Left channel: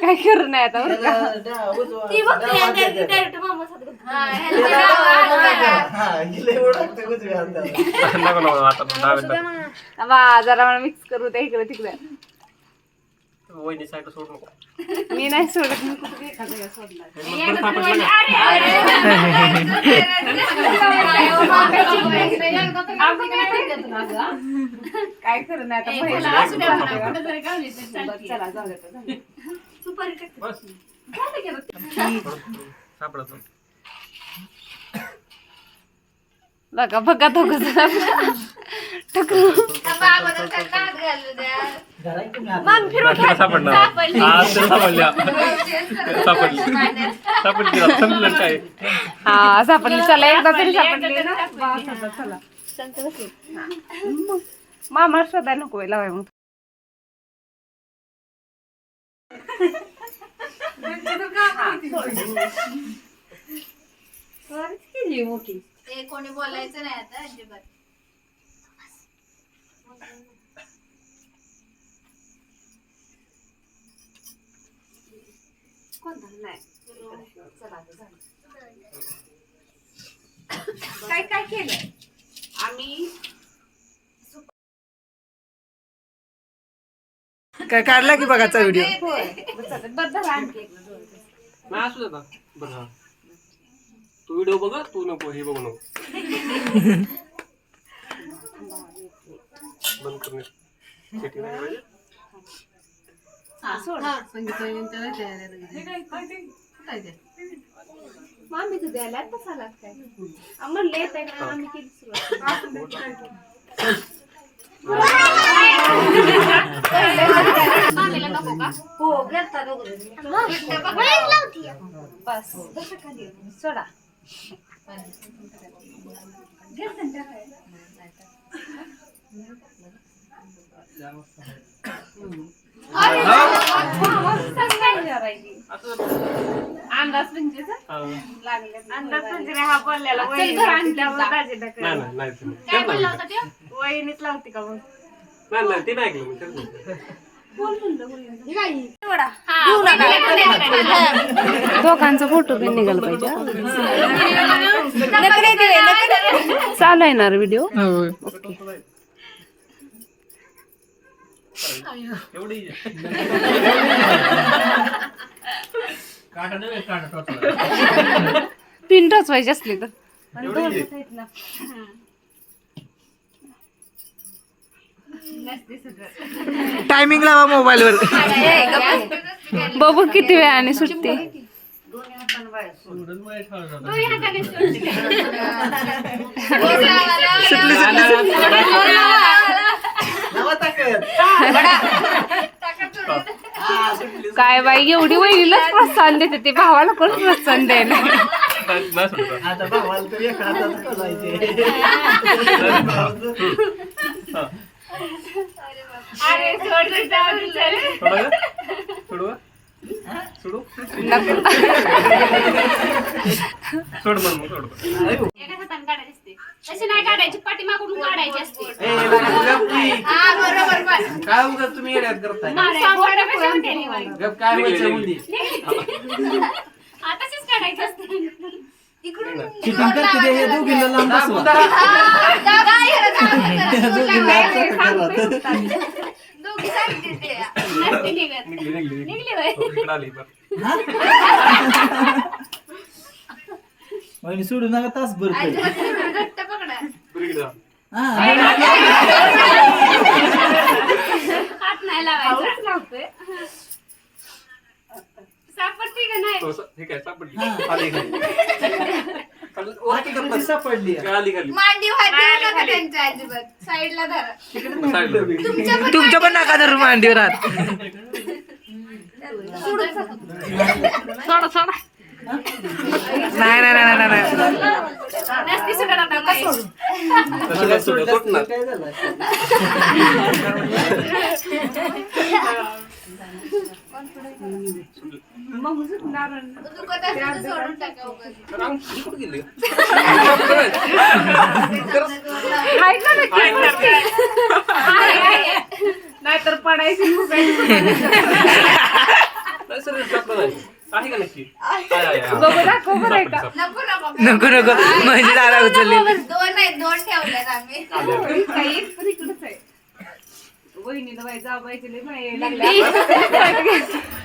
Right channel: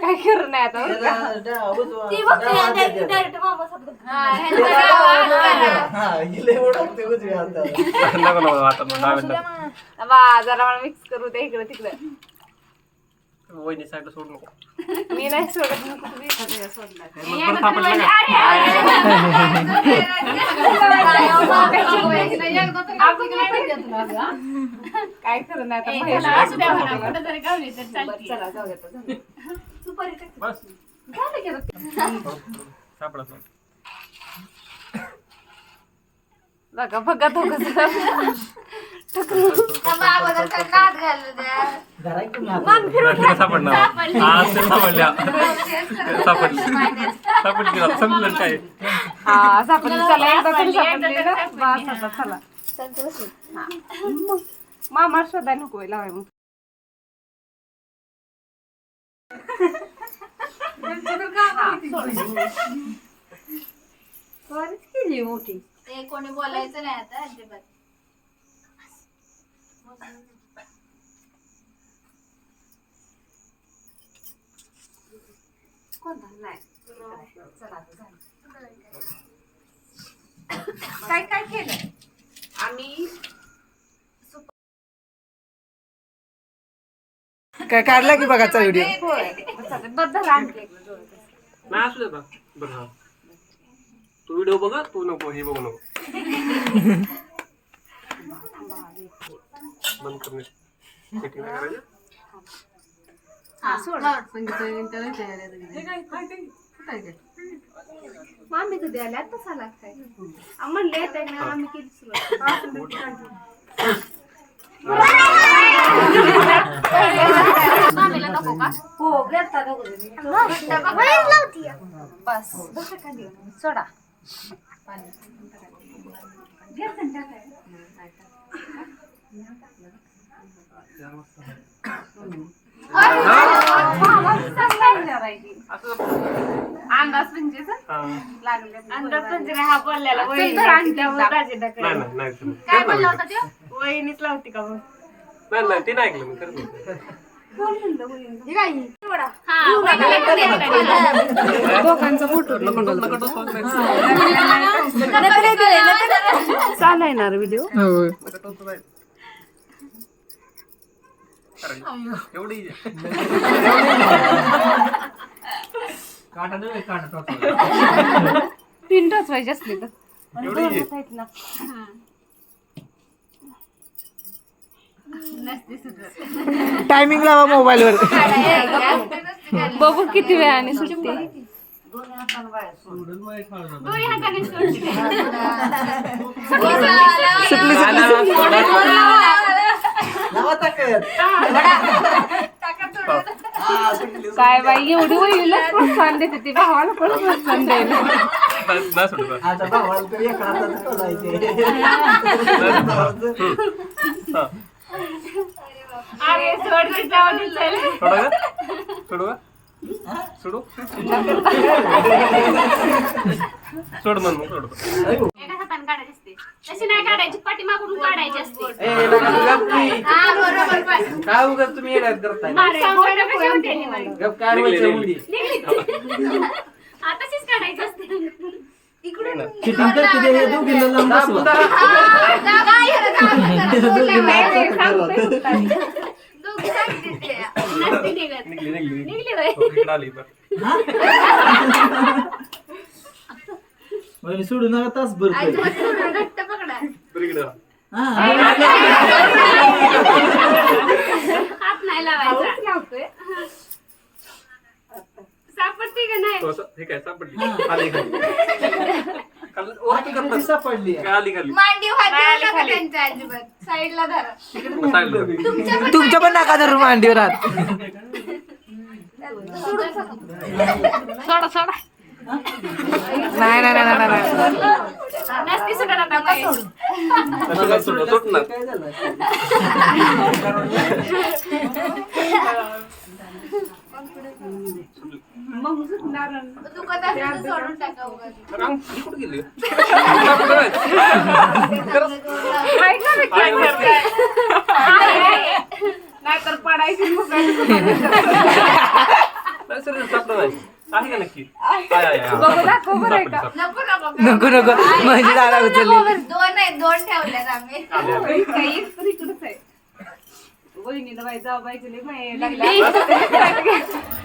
काय करू नाही आता बरं का? ती बघते direct मामा सोबत. हा, ह्यांचं नाव आज करा. नको नको आता डाव्या बा जरा मला मिक्स करू दे इकडे तिकडे वहिनी साईडला सोडू नको. मी नाही सोडत. एखाद्या मग परत का काय नाही आता बरं. चला जाऊ दे. बस. सापडत नाही बघा बघा दोघं जण. थांबा, अगोदर त्याला हात घालू द्या. तुला सापडणार हा ते सापडल्या सापडली सापडली आता संपलं काय हा सापडली चला एकदा तरी सापडली ना बस आता चला हा. मग मामा शोधाय नको लावाय मग ते कोणी बोलायचं नाही आता अजिबात. काय काय केलं आम्ही काय काढला की बघाचा व्हिडिओ बद्दल असू दे आता बरं हा. तू व्हिडिओ बघ तू नको हे बघू नको बंद करणे सेटिंग नाही करायचं मामी कधी आल्या आता चला काय म्हणले येते ना आम्ही केली सुरुवात मामीला नको का हो घेता बस बस सोडा अंदाज म्हणजे हा. अंदाज म्हणजे हा राजेदाकडे. नाही नाही. काय बोलला. होता? वहिनीच लावते का मग नाही नाही ते नाही ऐकलं मी नाही. दोघांचा फोटो चालू आहे ना व्हिडिओ हो एवढी. तीन टचवायची असली तर एवढी easy. टायमिंग लावा मोबाईल वर. बघू किती वेळाने सुटते. काय बाई एवढी वहिनीला प्रोत्साहन देते ते भावाला कोण प्रोत्साहन द्यायला नाही नाही सोडत आता. आता भावाला तर एक हातात खोलायचे. हा. अरे, सोड. सोडू का? सोडू का? सोडू सोड म्हण मग सोडतो एका हाताने काढायची असते तशी नाही काढायची पाठीमागून काढायची असते ए, लगा, गप की. हा बरोबर बस. काय उगाच तुम्ही येड्यात करताय मारायची. बोटं कशी होते निवांत. गप काय व्हायचं मुली हा, तशीच काढायची असते इकडून हे दोघींना बसवा. दोघी सांगते ते. नसती निघत. निघली निघली निघली होय. हो, इकडं आली बरं. वहिनी सोडू नका तास भर आजोबा सोडून घट्ट पकडा. बरं इकडं. हात नाही लावायचा. सापडते का नाही? थोडंसं हे काय सापडली? आली खाली खाली वरती करतात. सापडली काय आली खाली. मांडी व्हायची नका त्यांच्या अजिबात. साईडला धरा. मग साईडला. तुमच्या पण नका धरू मांडीवर हात. सोडा सोडा. नाही नाही नाही नाही, नाही. नसती सुटत आता काही. नशिबात सुटलं, सुटणार. काय झालं सुटलं. मग सुटणार दुखत असेल तर सोडून टाका उगाच. अरे आम- नाहीतर पडायची सर नाही आहे का नक्की नको नको म्हणजे दारा उचलली दोन आहेत दोन ठेवल्यात आम्ही इकडंच आहे. बाई